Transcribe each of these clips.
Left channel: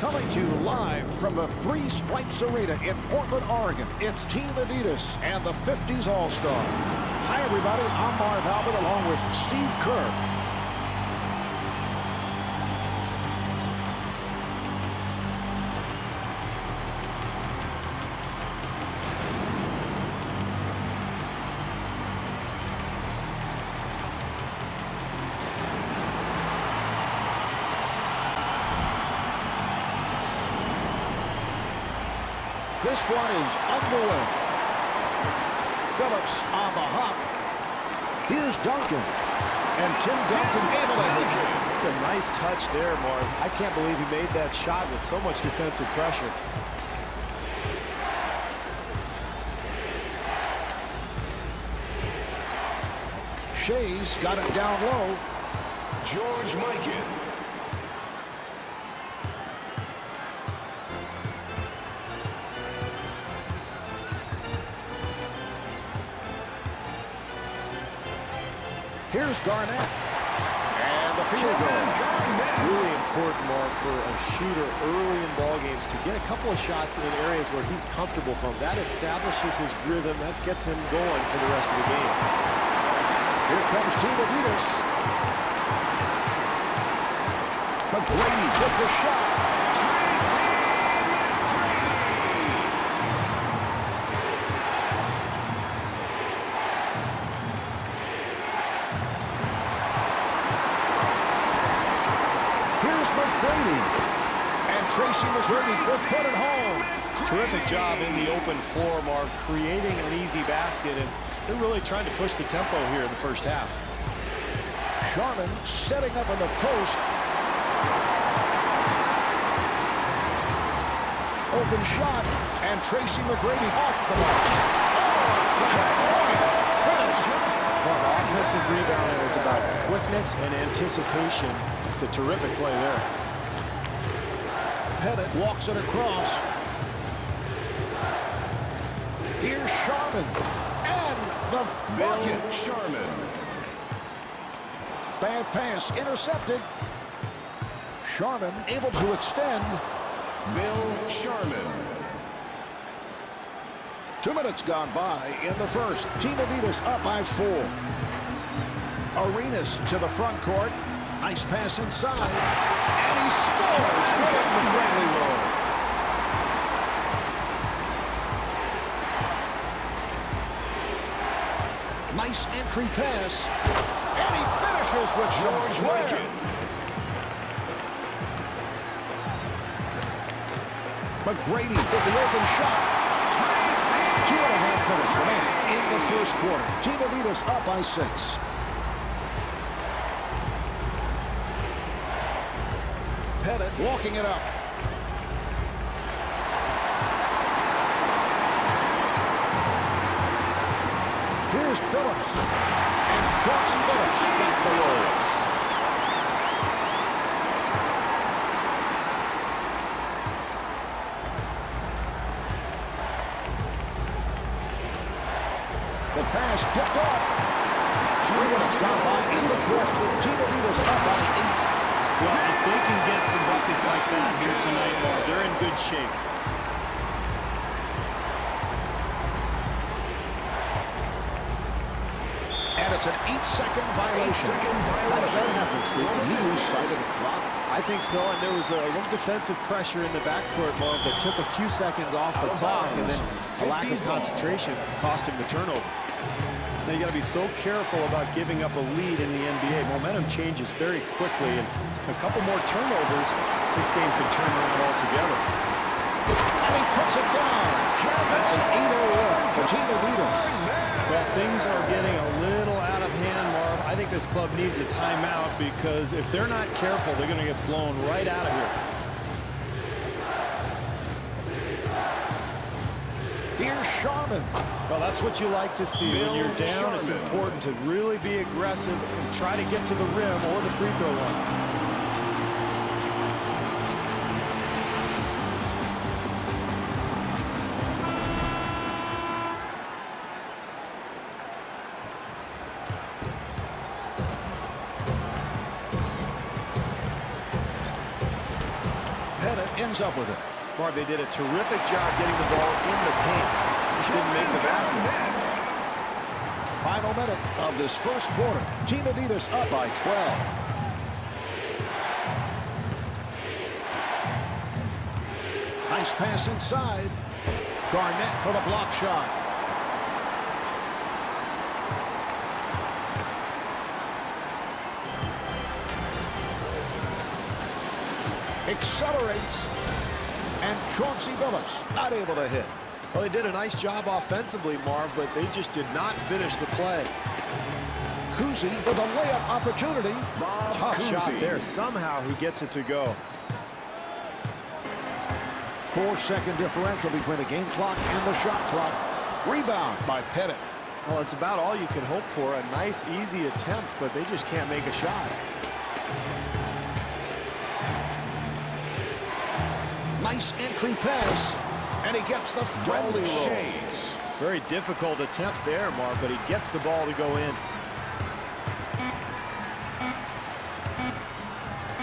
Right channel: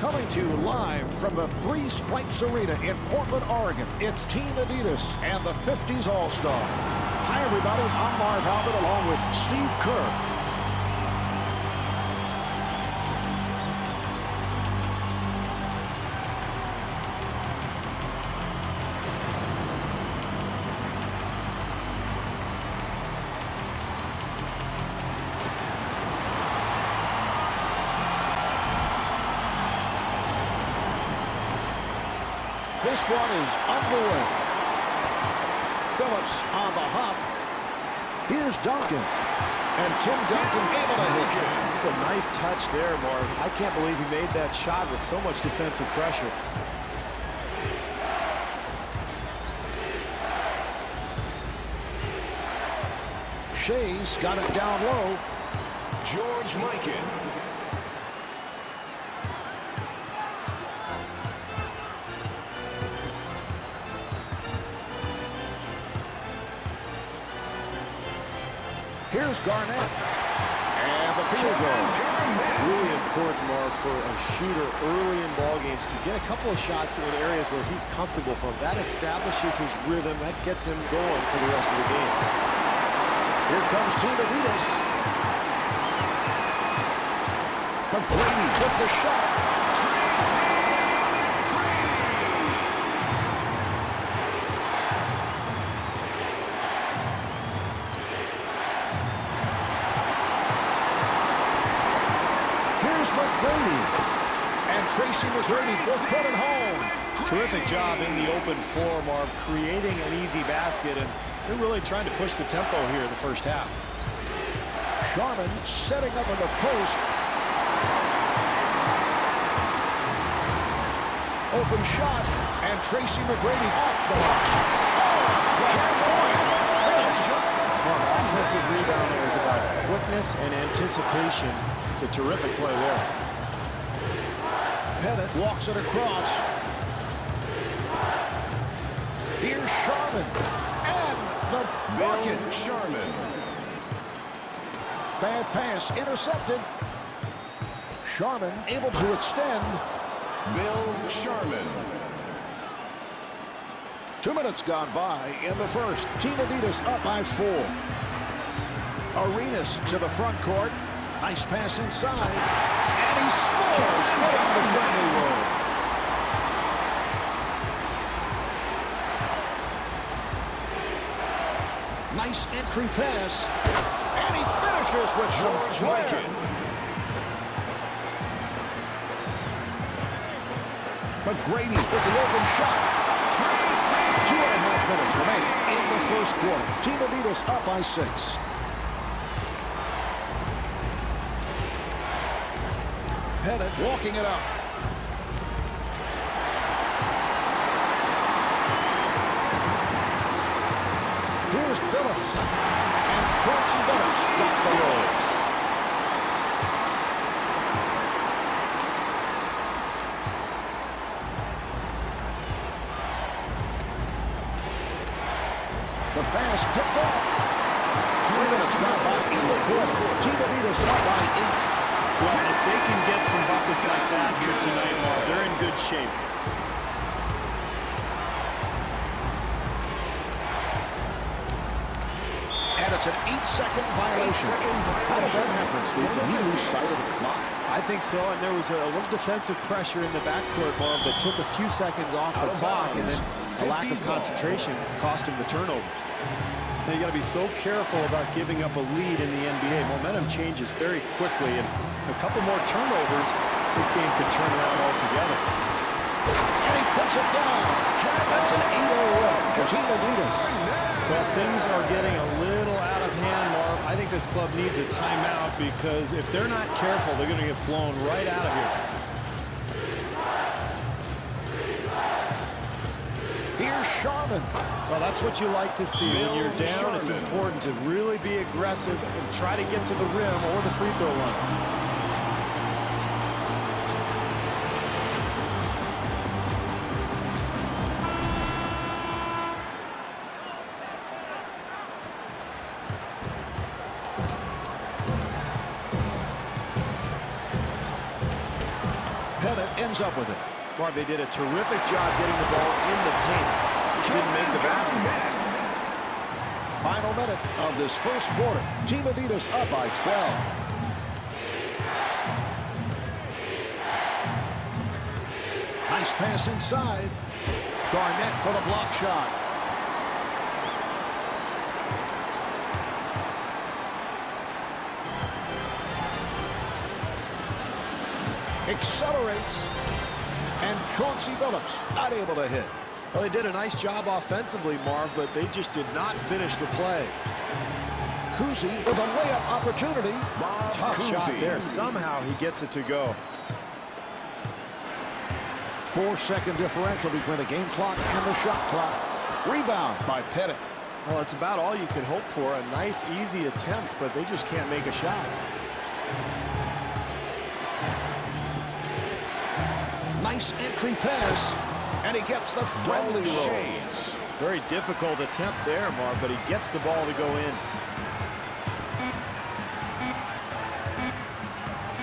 Coming to you live from the Three Stripes Arena in Portland, Oregon, it's Team Adidas and the 50s All-Stars. Hi, everybody. I'm Marv Albert along with Steve Kerr. This one is underway. Phillips on the hop. Here's Duncan. And Tim Duncan able to hit. It's a nice touch there, Marv. I can't believe he made that shot with so much defensive pressure. Shea's got it down low. George Mikan. Here's Garnett. And the field goal. Really important, Marv, for a shooter early in ball games to get a couple of shots in areas where he's comfortable from. That establishes his rhythm. That gets him going for the rest of the game. Here comes Team Adidas. McGrady with the shot. Here's McGrady. And Tracy McGrady will put it home. Terrific job in the open floor, Marv, creating an easy basket, and they're really trying to push the tempo here in the first half. Sharman setting up in the post. Open shot, and Tracy McGrady off the mark. Oh, a flamboyant finish. Marv, offensive rebounding is about quickness and anticipation. It's a terrific play there. Pettit walks it across. Here's Sharman. And the bucket. Bill Sharman. Bad pass intercepted. Sharman able to extend. Bill Sharman. 2 minutes gone by in the first. Team Adidas up by 4. Arenas to the front court. Nice pass inside. And he scores, getting the friendly roll. Nice entry pass. And he finishes with some flair. McGrady with the open shot. 2.5 minutes remaining in the first quarter. Team Adidas up by 6. Pettit walking it up. Here's Phillips. And Chauncey Billups got the roll. The pass picked off. 3 minutes gone by in the fourth. Team Adidas up by 8. Well, if they can get some buckets like that here tonight, Marv, they're in good shape. And it's an 8-second violation. How did that happen, Steve? Did he lose sight of the clock? I think so, and there was a little defensive pressure in the backcourt, Marv, that took a few seconds off the clock, and then a lack of concentration cost him the turnover. Now, you got to be so careful about giving up a lead in the NBA. Momentum changes very quickly, and a couple more turnovers, this game could turn around altogether. And he puts it down. That's an 8-0 run for Team Adidas. Well, things are getting a little out of hand, Marv. I think this club needs a timeout because if they're not careful, they're going to get blown right out of here. Here's Sharman. Well, that's what you like to see. When you're down, it's important to really be aggressive and try to get to the rim or the free throw line. Pettit ends up with it. Marv, they did a terrific job getting the ball in the paint. Just didn't make the basket. Final minute of this first quarter. Team Adidas up by 12. Nice pass inside. Garnett for the block shot. Accelerates. And Chauncey Billups not able to hit. Well, they did a nice job offensively, Marv, but they just did not finish the play. Kuzi with a layup opportunity. Tough shot there. Somehow he gets it to go. 4-second differential between the game clock and the shot clock. Rebound by Pettit. Well, it's about all you can hope for. A nice, easy attempt, but they just can't make a shot. Nice entry pass, and he gets the friendly roll. Very difficult attempt there, Marv, but he gets the ball to go in.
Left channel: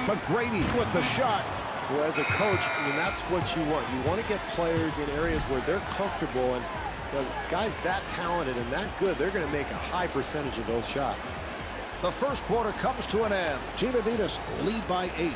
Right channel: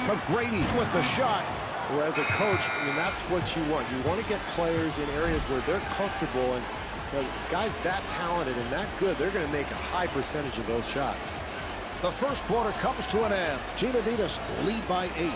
McGrady with the shot. Well, as a coach, I mean, that's what you want. You want to get players in areas where they're comfortable, and you know, guys that talented and that good, they're going to make a high percentage of those shots. The first quarter comes to an end. Team Adidas lead by 8.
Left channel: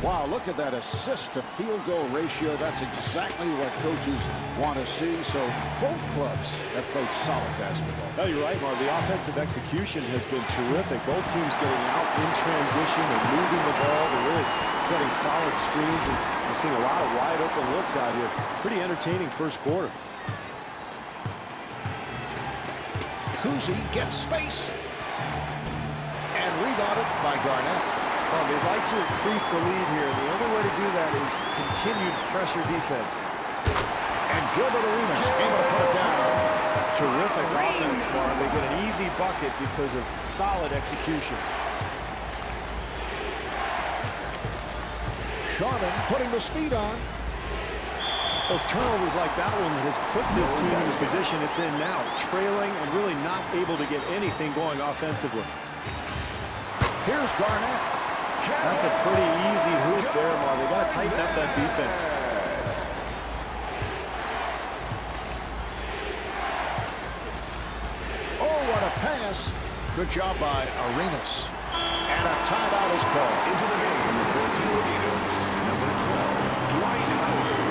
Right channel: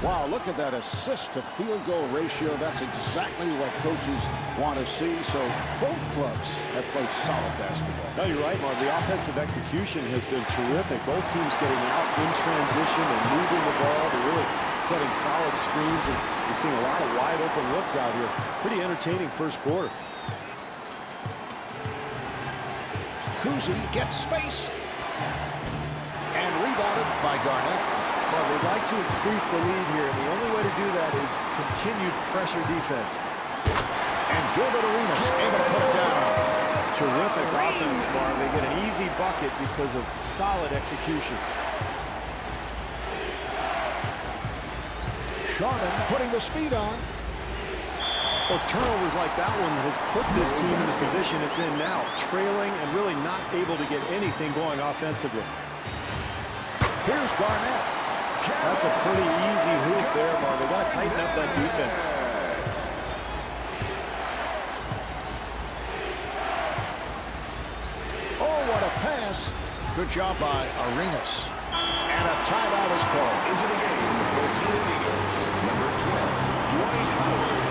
Wow, look at that assist to field goal ratio. That's exactly what coaches want to see. So both clubs have played solid basketball. No, you're right, Marv. The offensive execution has been terrific. Both teams getting out in transition. They're moving the ball. They're really setting solid screens, and you're seeing a lot of wide open looks out here. Pretty entertaining first quarter. Kuzi gets space and rebounded by Garnett. Well, they'd like to increase the lead here, and the only way to do that is continued pressure defense. And Gilbert Arenas able to put it down. Terrific offense, Marv. They get an easy bucket because of solid execution. Sharman putting the speed on. Those turnovers like that one that has put this team in the position it's in now, trailing and really not able to get anything going offensively. Here's Garnett. That's a pretty easy hoop there, Marv. They got to tighten up that defense. Oh, what a pass. Good job by Arenas. And a timeout is called. Into the game for Team Adidas, number 12, Dwight Howard.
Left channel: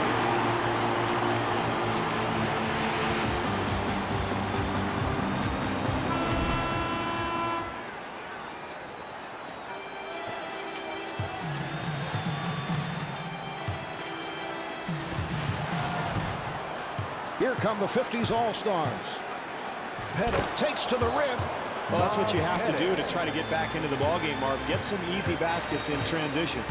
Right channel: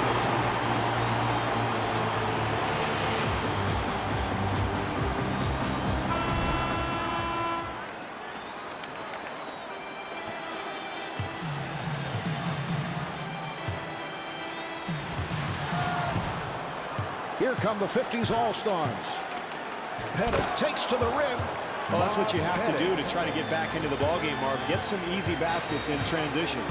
Here come the 50s All-Stars. Pettit takes to the rim. Well, that's what you have to do to try to get back into the ballgame, Marv. Get some easy baskets in transition.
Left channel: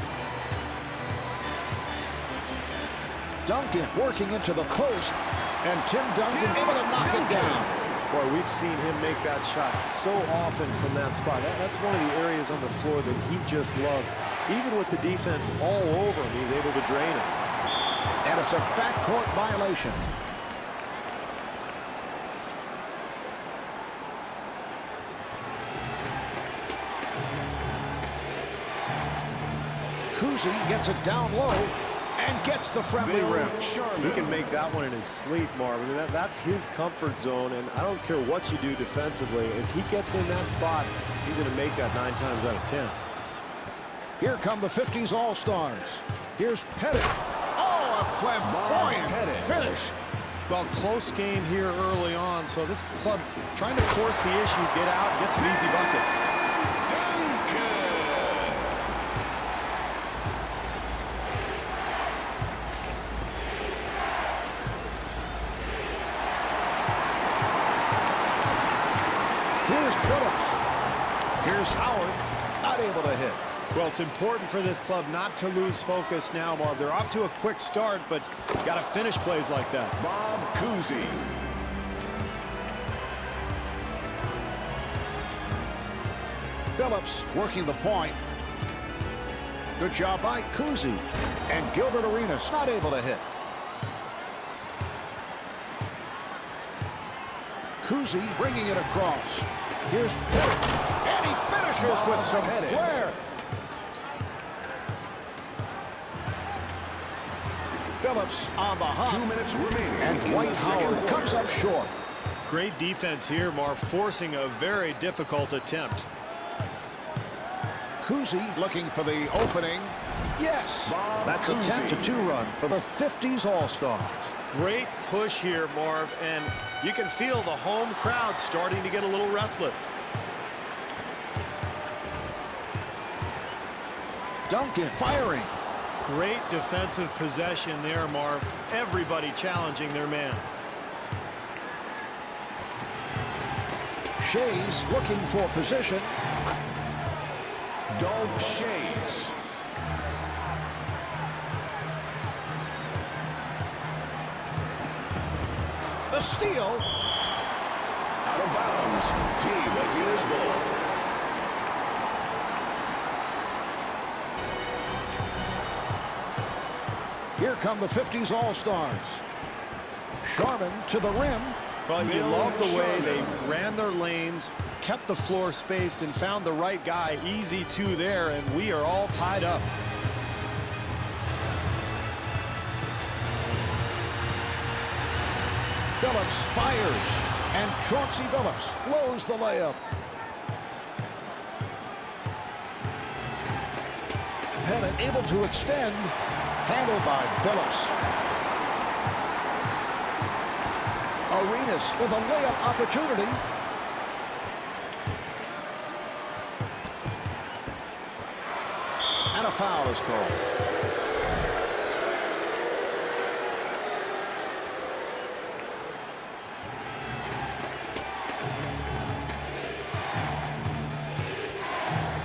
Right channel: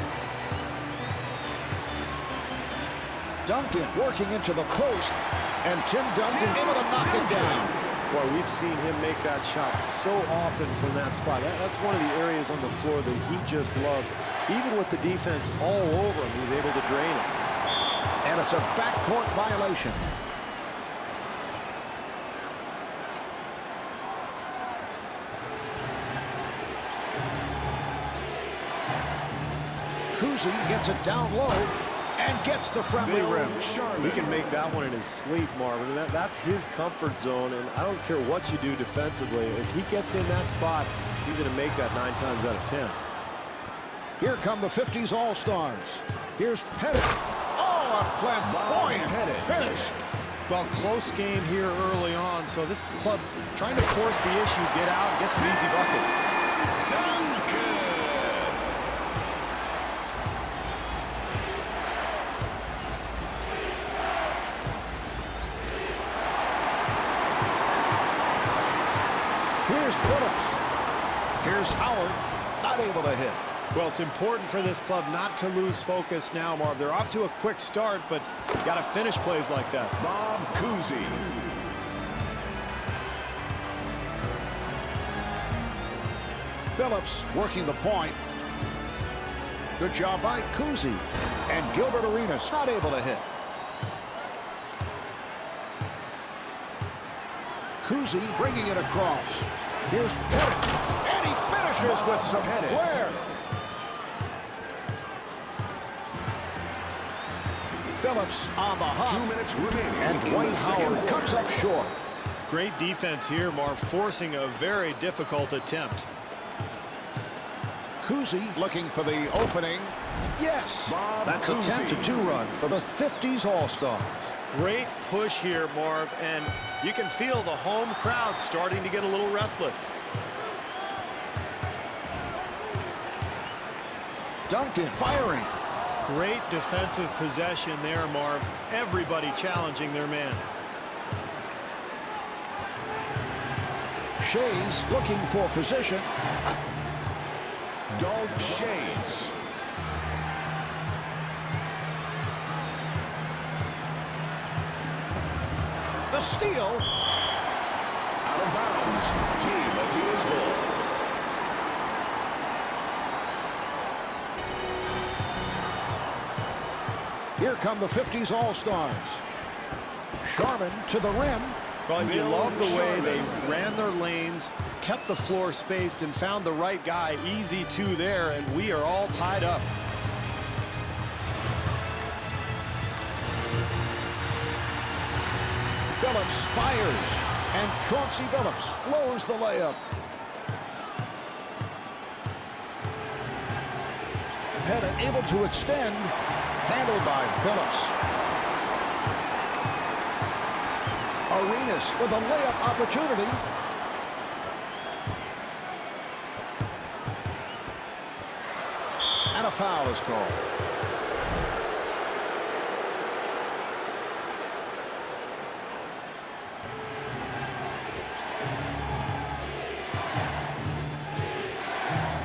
Duncan working into the post. And Tim Duncan able to knock it down. Boy, we've seen him make that shot so often from that spot. That's one of the areas on the floor that he just loves. Even with the defense all over him, he's able to drain it. And it's a backcourt violation. Kuzi gets it down low and gets the friendly rim. He can make that one in his sleep, Marv. I mean, that's his comfort zone, and I don't care what you do defensively. If he gets in that spot, he's going to make that 9 times out of 10. Here come the 50s All-Stars. Here's Pettit. Oh, a flamboyant finish. Well, close game here early on, so this club trying to force the issue, get out, and get some easy buckets. Duncan. Here's Billups. Here's Howard, not able to hit. Well, it's important for this club not to lose focus now, Marv. They're off to a quick start, but got to finish plays like that. Bob Cousy. Billups working the point. Good job by Kuzi. And Gilbert Arenas not able to hit. Kuzi bringing it across. Here's Pettit. And he finishes with some flair. Phillips on the hop. 2 minutes remaining. And Dwight Howard comes up short. Great defense here, Marv, forcing a very difficult attempt. Kuzi looking for the opening. Yes, that's a 10-2 run for the 50s All-Stars. Great push here, Marv, and you can feel the home crowd starting to get a little restless. Duncan firing. Great defensive possession there, Marv. Everybody challenging their man. Shays looking for position. Dolph Shays. The steal. Out of bounds. Team Adidas ball. Here come the 50s All-Stars. Sharman to the rim. Well, you love the way they ran their lanes, kept the floor spaced, and found the right guy. Easy two there, and we are all tied up. Phillips fires, and Chauncey Billups blows the layup. Pettit able to extend, handled by Billups. Arenas with a layup opportunity. And a foul is called.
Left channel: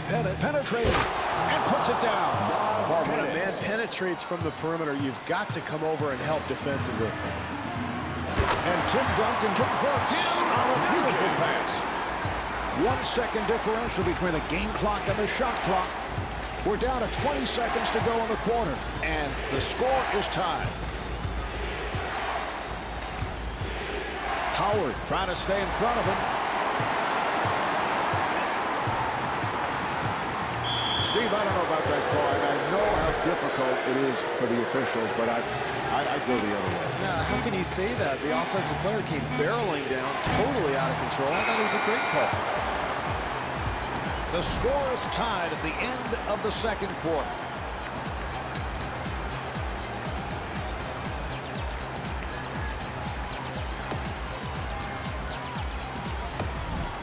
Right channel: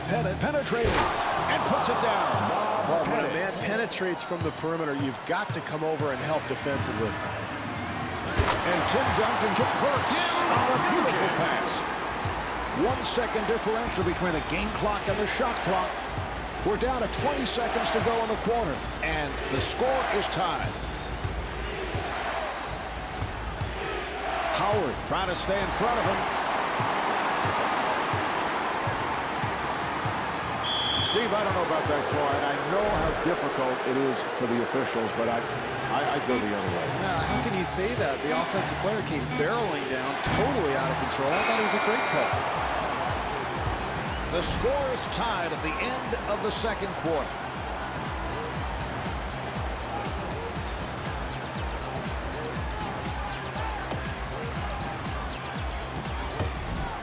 Pettit penetrating and puts it down. Marv, when a man penetrates from the perimeter, you've got to come over and help defensively. And Tim Duncan converts on a beautiful pass. 1 second differential between the game clock and the shot clock. We're down to 20 seconds to go in the quarter, and the score is tied. Howard trying to stay in front of him. Steve, I don't know about that call, and I know how difficult it is for the officials, but I go the other way. Yeah, how can you say that? The offensive player came barreling down, totally out of control. I thought it was a great call. The score is tied at the end of the second quarter.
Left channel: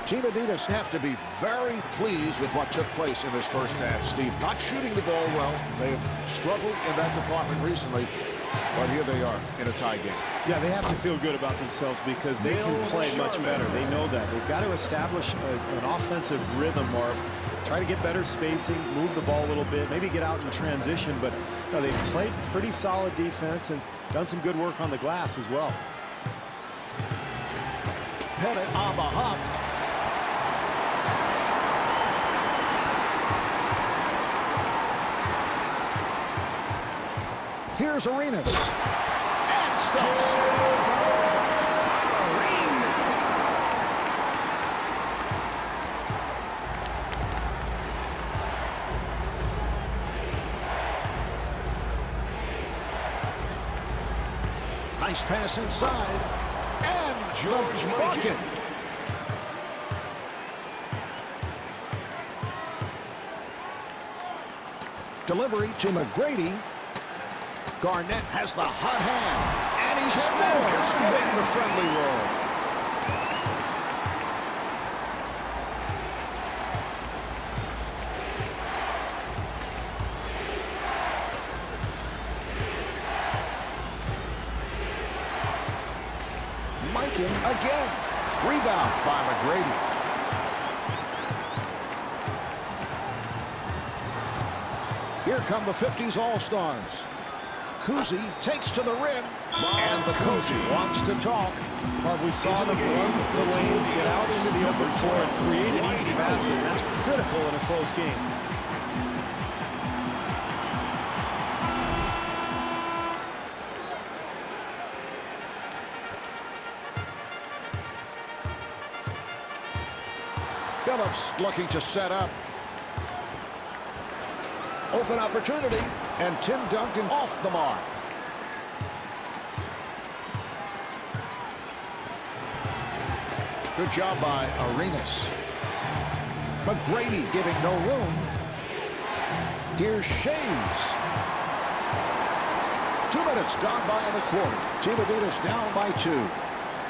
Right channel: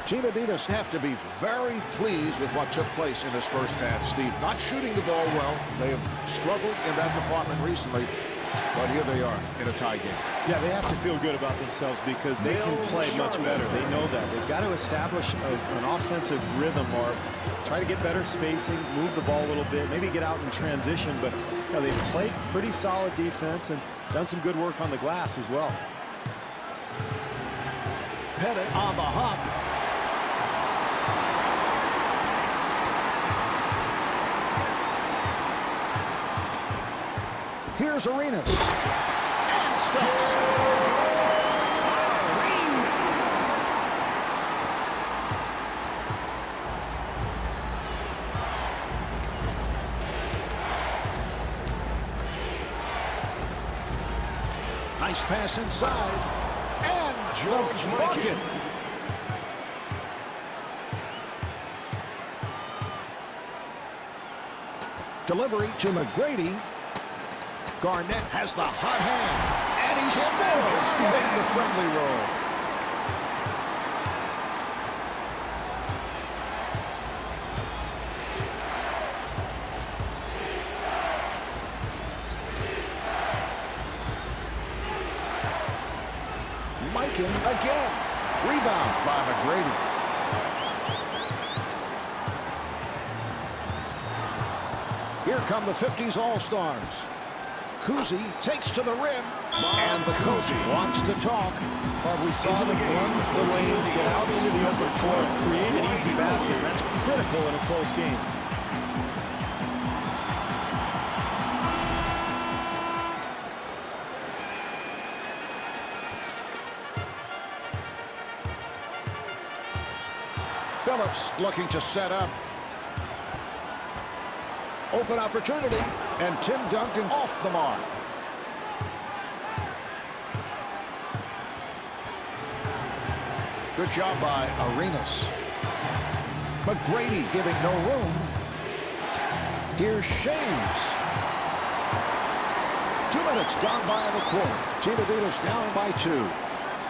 Team Adidas have to be very pleased with what took place in this first half, Steve. Not shooting the ball well. They have struggled in that department recently, but here they are in a tie game. Yeah, they have to feel good about themselves because they can play much better. They know that. They've got to establish an offensive rhythm, Marv. Try to get better spacing, move the ball a little bit, maybe get out in transition, but you know, they've played pretty solid defense and done some good work on the glass as well. Pettit on the hop. Here's Arenas. And stuffs. Nice pass inside. And George the bucket. Delivery to McGrady. Garnett has the hot hand, and he scores, getting the friendly roll. Mikan again. Rebound by McGrady. Here come the 50s All-Stars. Kuzi takes to the rim, and the coach wants to talk. Marv, we saw them run the lanes, get out into the open floor, and create an easy basket. And that's critical in a close game. Phillips looking to set up. Open opportunity, and Tim Duncan off the mark. Good job by Arenas. McGrady giving no room. Here's Shays. 2 minutes gone by in the quarter. Team Adidas down by 2.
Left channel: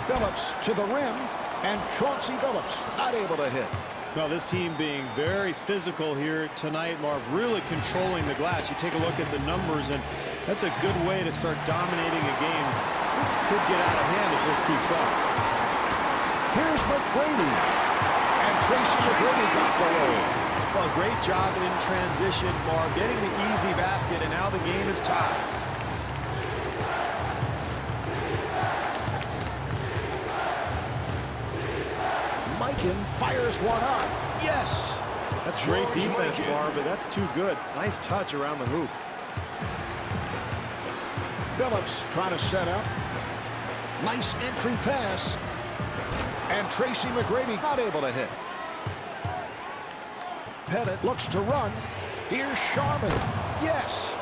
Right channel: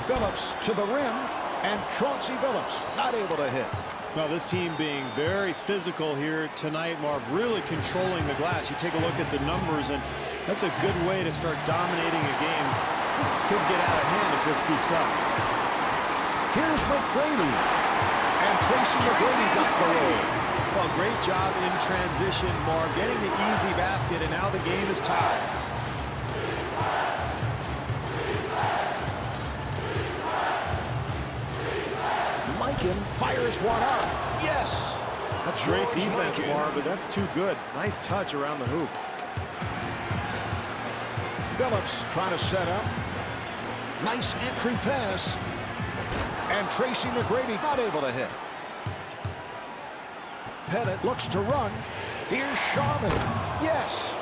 Phillips to the rim, and Chauncey Phillips not able to hit. Well, this team being very physical here tonight, Marv, really controlling the glass. You take a look at the numbers, and that's a good way to start dominating a game. This could get out of hand if this keeps up. Here's McGrady, and Tracy McGrady got the roll. Well, great job in transition, Marv, getting the easy basket, and now the game is tied. Mikan fires one up. Yes. That's great defense, Marv, but that's too good. Nice touch around the hoop. Phillips trying to set up. Nice entry pass. And Tracy McGrady not able to hit. Pettit looks to run. Here's Sharman. Yes.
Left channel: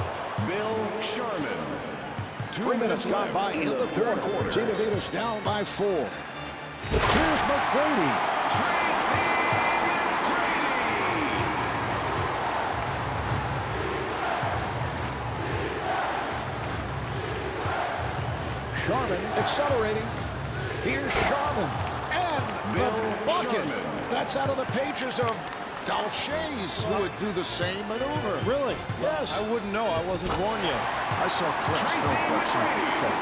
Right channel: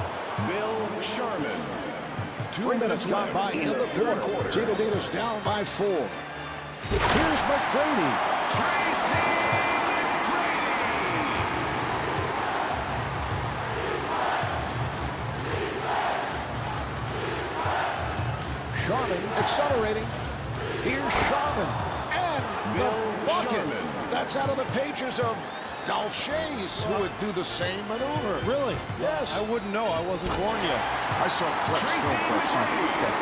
Bill Sharman. 3 minutes gone by in the quarter. Team Adidas down by 4. Here's McGrady. Tracy McGrady. Sharman accelerating. Here's Sharman. And Bill the bucket. Sharman. That's out of the pages of Dolph Shays, who would do the same maneuver. Really? Yes. I wouldn't know. I wasn't born yet. I saw clips, Tracy film clips. McGrady. Okay.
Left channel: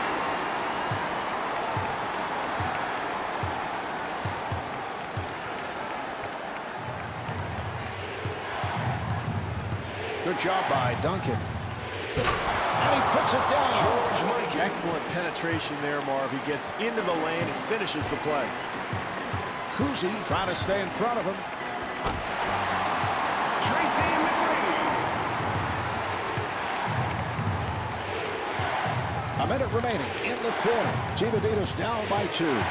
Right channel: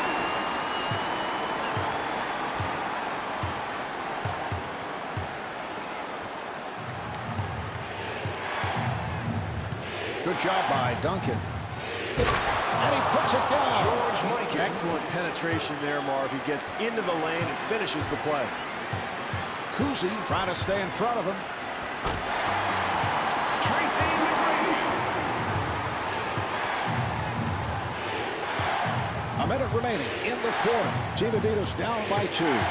Good job by Duncan. And he puts it down. George Mikan. Excellent penetration there, Marv. He gets into the lane and finishes the play. Kuzi trying to stay in front of him. Tracy McGrady. A minute remaining in the quarter. Team Adidas down by 2.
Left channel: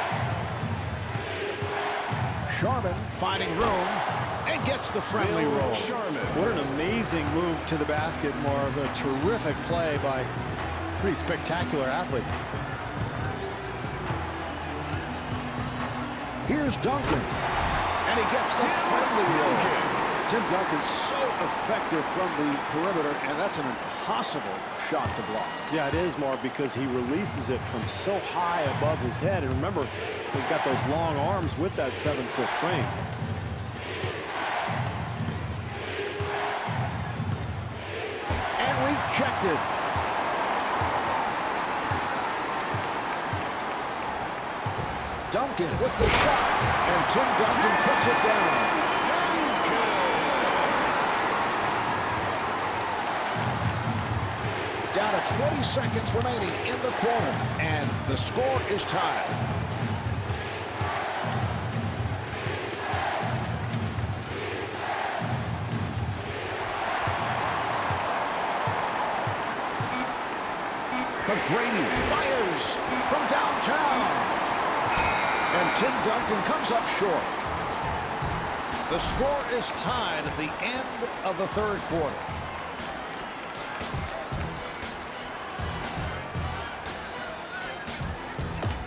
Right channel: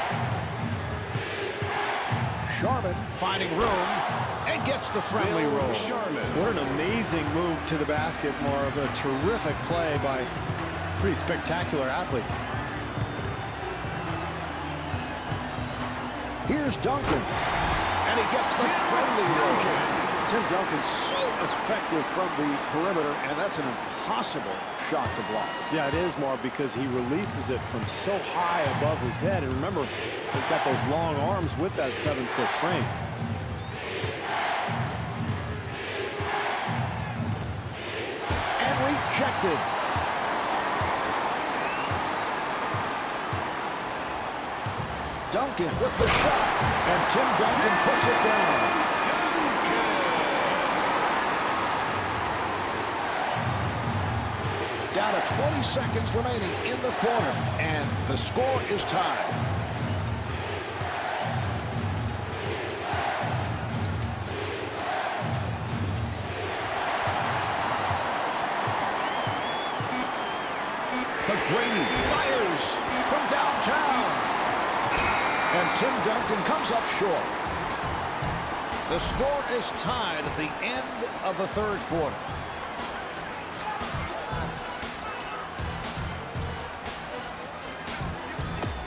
Sharman finding room and gets the friendly Bill roll. Sharman. What an amazing move to the basket, Marv. A terrific play by a pretty spectacular athlete. Here's Duncan. And he gets the friendly roll. Tim Duncan's so effective from the perimeter, and that's an impossible shot to block. Yeah, it is, Marv, because he releases it from so high above his head. And remember, he's got those long arms with that 7-foot frame. And rejected. Duncan with the shot, and Tim Duncan puts it down. Down to 20 seconds remaining in the quarter, and the score is tied. McGrady fires from downtown. And Tim Duncan comes up short. The score is tied at the end of the third quarter.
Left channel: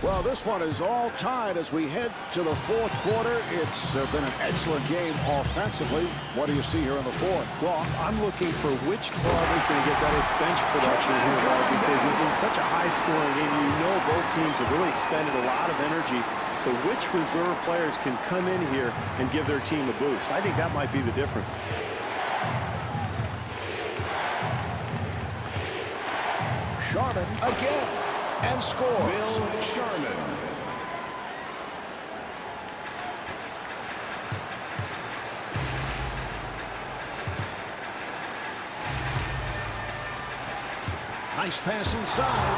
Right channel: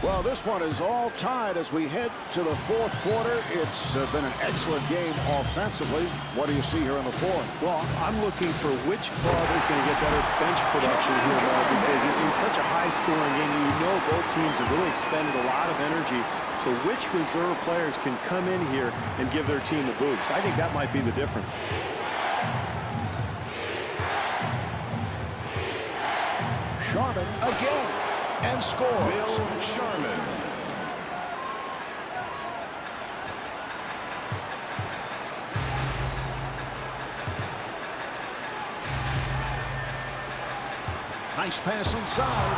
Well, this one is all tied as we head to the fourth quarter. It's been an excellent game offensively. What do you see here in the fourth? Well, I'm looking for which club is going to get better bench production here, Marv, because in such a high-scoring game, you know both teams have really expended a lot of energy. So which reserve players can come in here and give their team a boost? I think that might be the difference. Sharman again. And scores. Bill Sharman. Nice pass inside.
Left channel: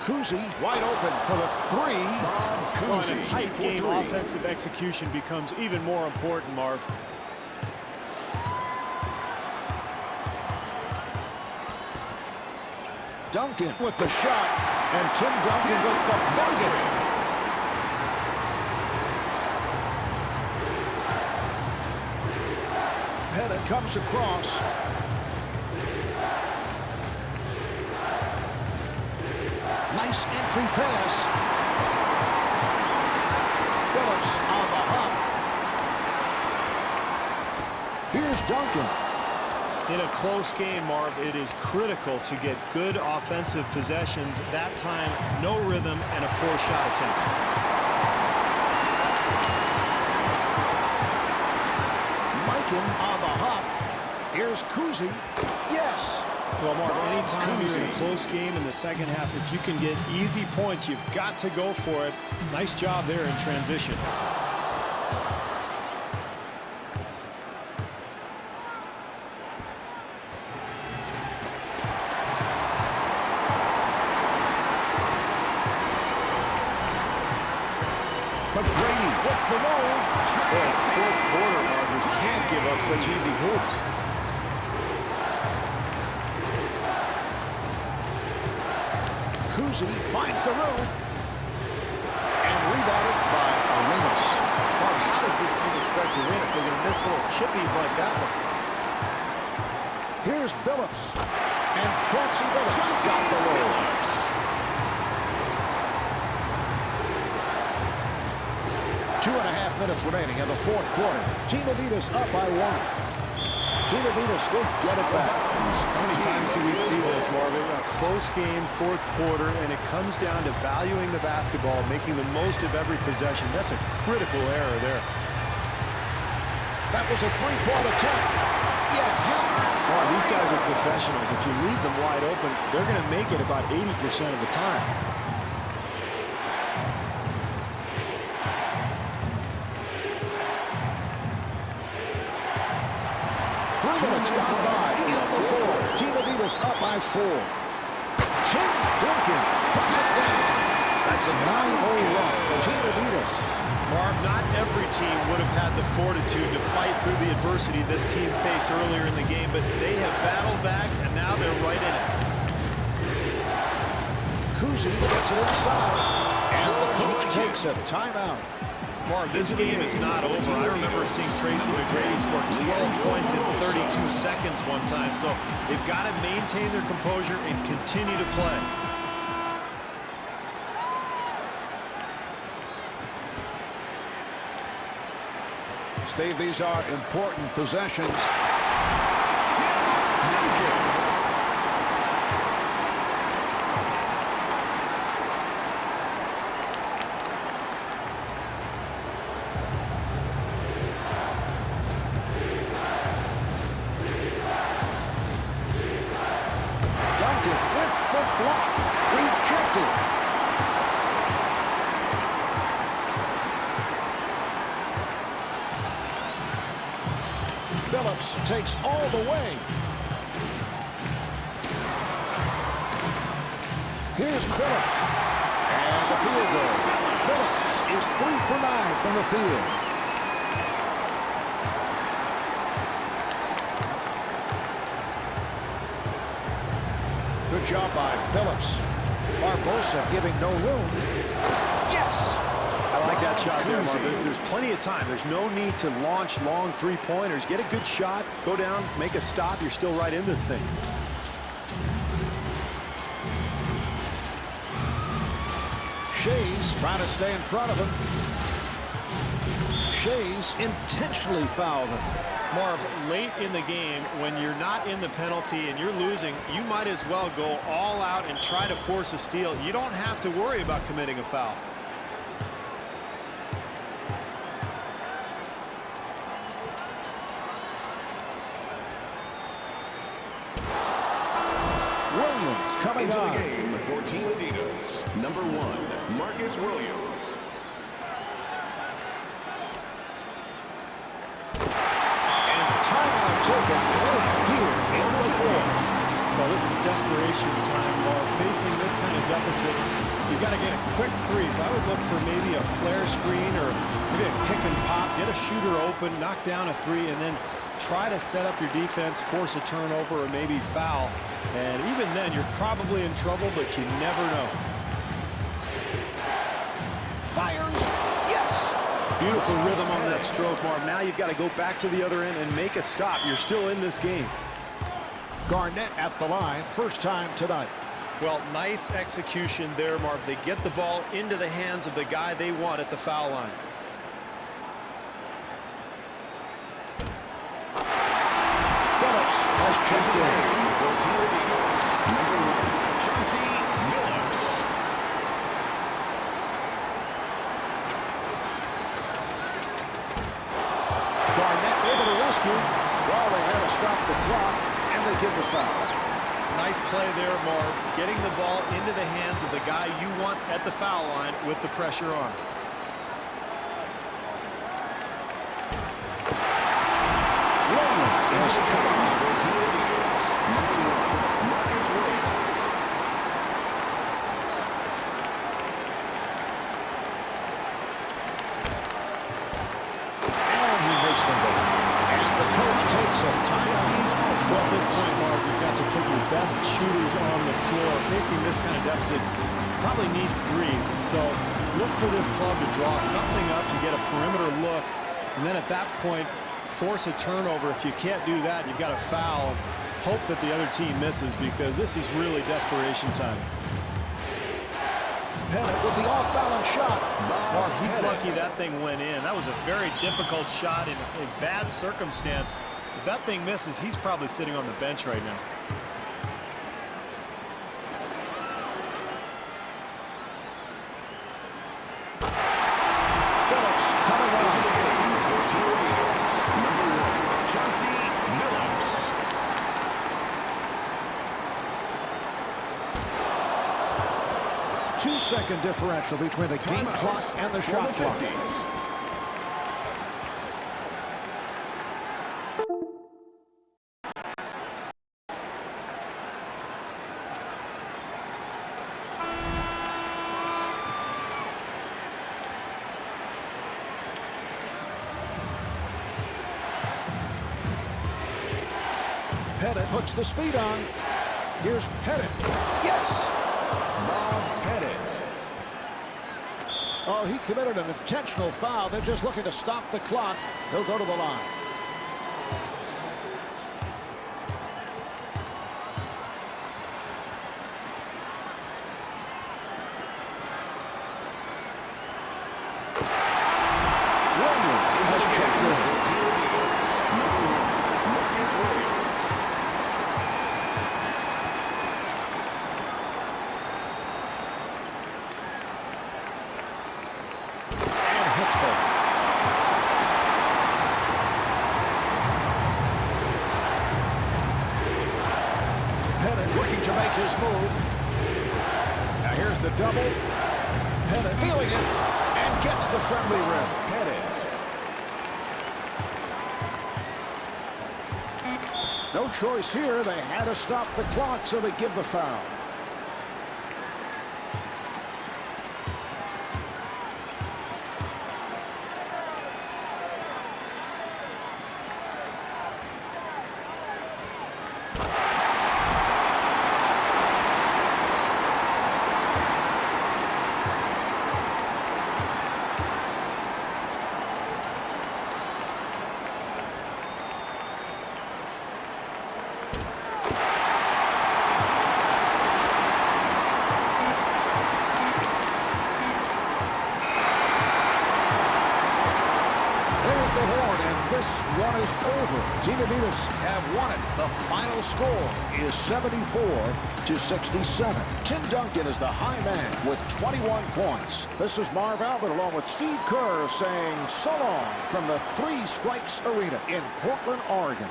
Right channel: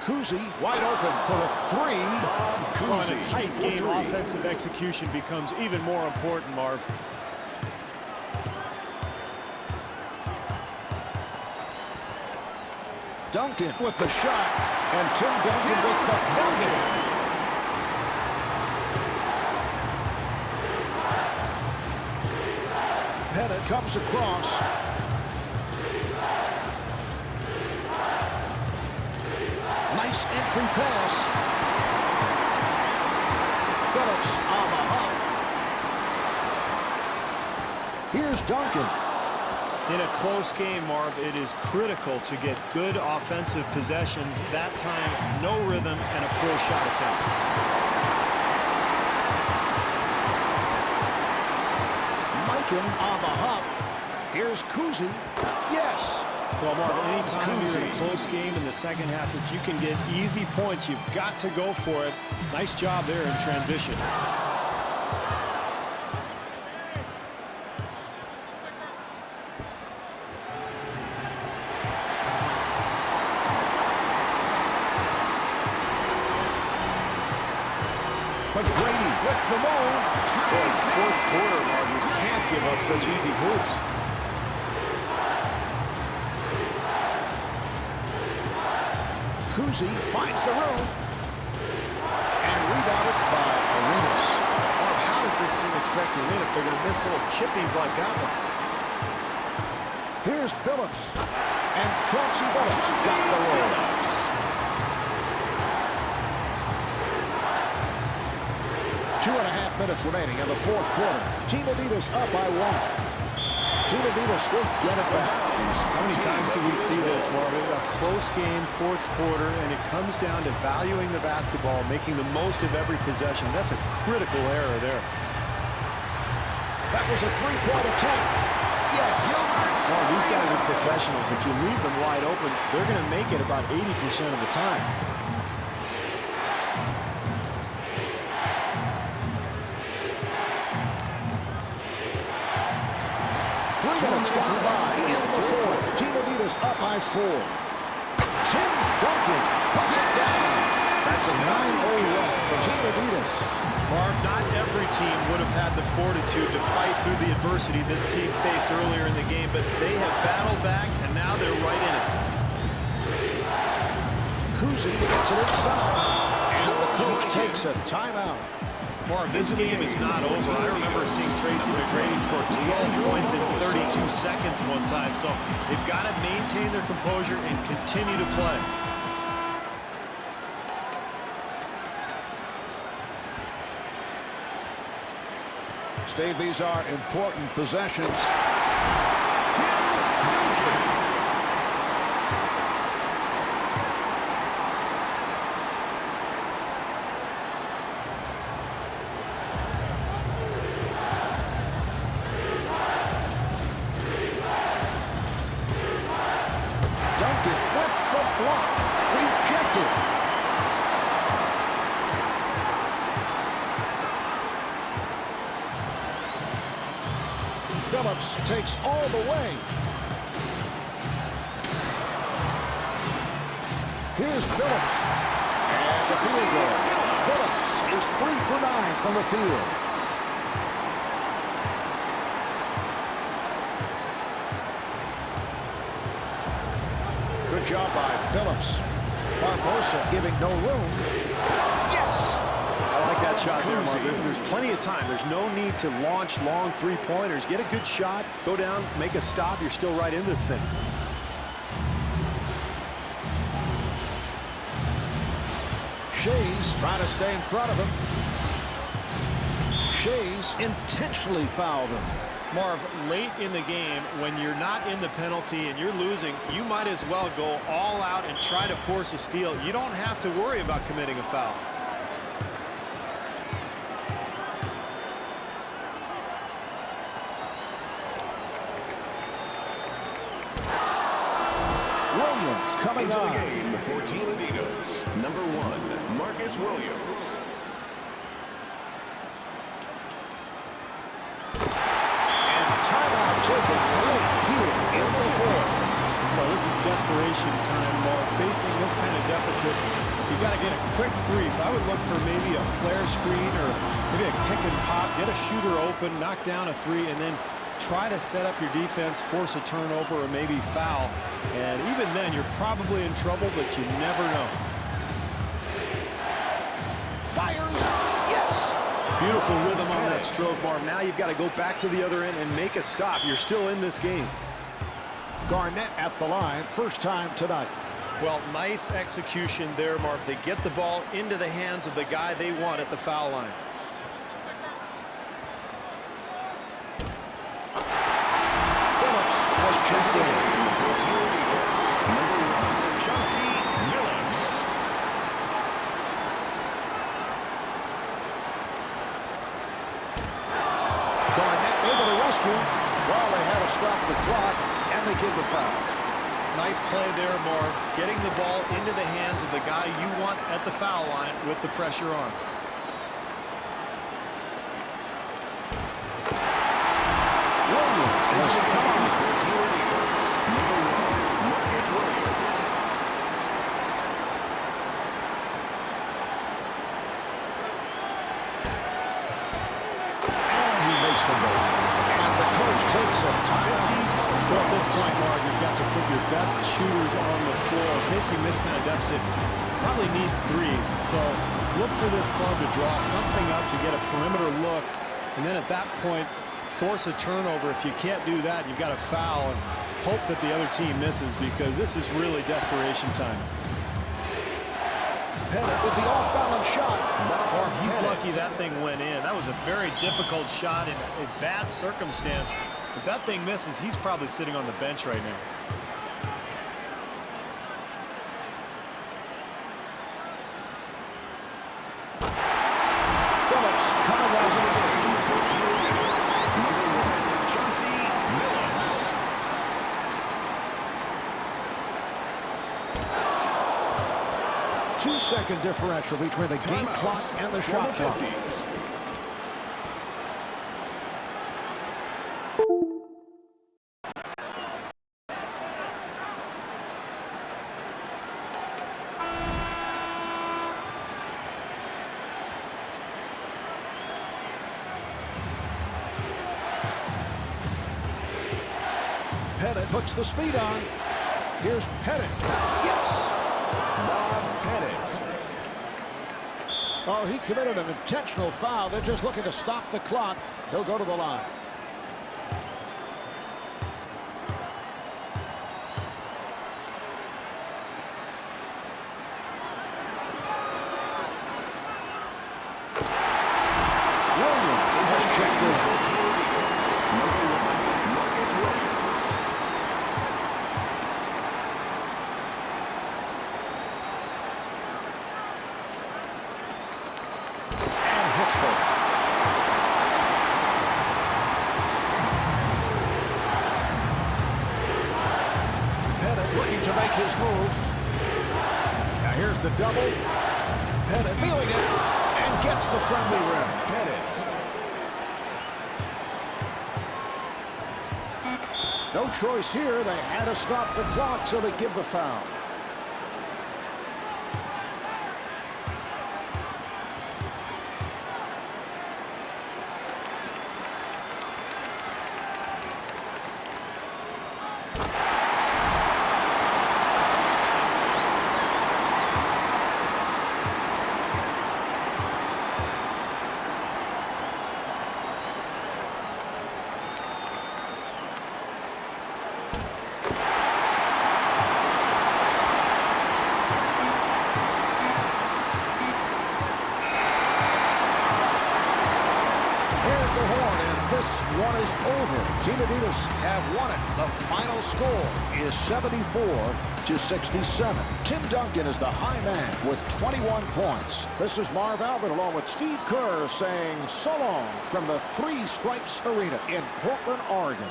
Kuzi wide open for the 3. Bob Cousy. Well, in a tight for game, 3. offensive execution becomes even more important, Marv. Duncan with the shot, and Tim Duncan with the bucket. Pettit comes across. Nice entry pass. Phillips on the hop. Here's Duncan. In a close game, Marv, it is critical to get good offensive possessions. That time, no rhythm and a poor shot attempt. Mikan on the hop. Here's Kuzi. Yes. Well, Marv, anytime you're in a close game in the second half, if you can get easy points, you've got to go for it. Nice job there in transition. But Brady with the move. Boy, it's fourth quarter, Marv. You can't give up such easy hoops. Kuzi finds the room. And rebounded by Arenas. Marv, how does this team expect to win if they're going to miss little chippies like that one? Here's Billups. And Chauncey Billups got the roll. 2.5 minutes remaining in the fourth quarter. Team Adidas up by 1. Team Adidas will get it back. How many times do we see this, Marvin? A close game, fourth quarter, and it comes down to valuing the basketball, making the most of every possession. That's a critical error there. That was a three-point attempt. Yes. Marv, these guys are professionals. If you leave them wide open, they're going to make it about 80% of the time. 3 minutes gone by in the fourth. Team Adidas up by 4. Tim Duncan puts it down. That's a 9-0 run for Team Adidas. Marv, not every team would have had the fortitude to fight through the adversity this team faced earlier in the game, but they have battled back, and now they're right in it. Kuzi gets it inside, and the coach takes a timeout. Marv, this game is not over. I remember seeing Tracy McGrady score 12 points in 32 seconds one time, so they've got to maintain their composure and continue to play. Steve, these are important possessions. Tim Duncan. Duncan with the block. Rejected. Phillips takes all the way. Here's Phillips. And the field goal. Phillips is 3 for 9 from the field. Good job by Phillips. Barbosa giving no room. Yes! I like that shot there, Marv. There's plenty of time. There's no need to launch long three-pointers. Get a good shot, go down, make a stop. You're still right in this thing. Shays trying to stay in front of him. Shays intentionally fouled him. Marv, late in the game, when you're not in the penalty and you're losing, you might as well go all out and try to force a steal. You don't have to worry about committing a foul. Williams coming into on. the game for Team Adidas. Number 1, Marcus Williams. Timeout taken late here in the fourth. Well, this is desperation time, Marv. Facing this kind of deficit, you've got to get a quick three. So I would look for maybe a flare screen or maybe a pick and pop. Get a shooter open, knock down a three, and then try to set up your defense, force a turnover, or maybe foul. And even then, you're probably in trouble, but you never know. Fires. Yes. Beautiful rhythm on that stroke, Marv. Now you've got to go back to the other end and make a stop. You're still in this game. Garnett at the line, first time tonight. Well, nice execution there, Marv. They get the ball into the hands of the guy they want at the foul line. Phillips has checked in. For Team Eagles, number 1, Chauncey Billups. Garnett able to rescue. Well, they had to stop the clock, and they give the foul. Nice play there, Marv. Getting the ball into the hands of the guy you want at the foul line with the pressure on. Williams has come on. For Team Eagles, number 1, Marcus Williams. And he makes them both. And the coach takes a timeout. Well, at this point, Marv, you've got to put your best shooters on the floor. Facing this kind of deficit, probably need threes. So look for this club to draw something up to get a perimeter look. And then at that point, force a turnover. If you can't do that, you've got to foul and hope that the other team misses, because this is really desperation time. Pettit with the off-balance shot. Marv, he's lucky that thing went in. That was a very difficult shot in a bad circumstance. If that thing misses, he's probably sitting on the bench right now. Phillips coming on. Into the game for Team Eagles, number 1, Chauncey Billups. Two-second differential between the game clock and the shot clock. 50's. Pettit puts the speed on. Here's Pettit. Yes. Bob Pettit. Oh, he committed an intentional foul. They're just looking to stop the clock. He'll go to the line. Williams has checked in. For Team Eagles, number 1, Marcus Williams. And hits both. Pettit looking to make his move. Now here's the double. Pettit feeling it and gets the friendly rim. Pettit. No choice here. They had to stop the clock, so they give the foul. There's the horn, and this one is over. Team Adidas have won it. The final score is 74-67. Tim Duncan is the high man with 21 points. This is Marv Albert along with Steve Kerr saying so long from the Three Stripes Arena in Portland, Oregon.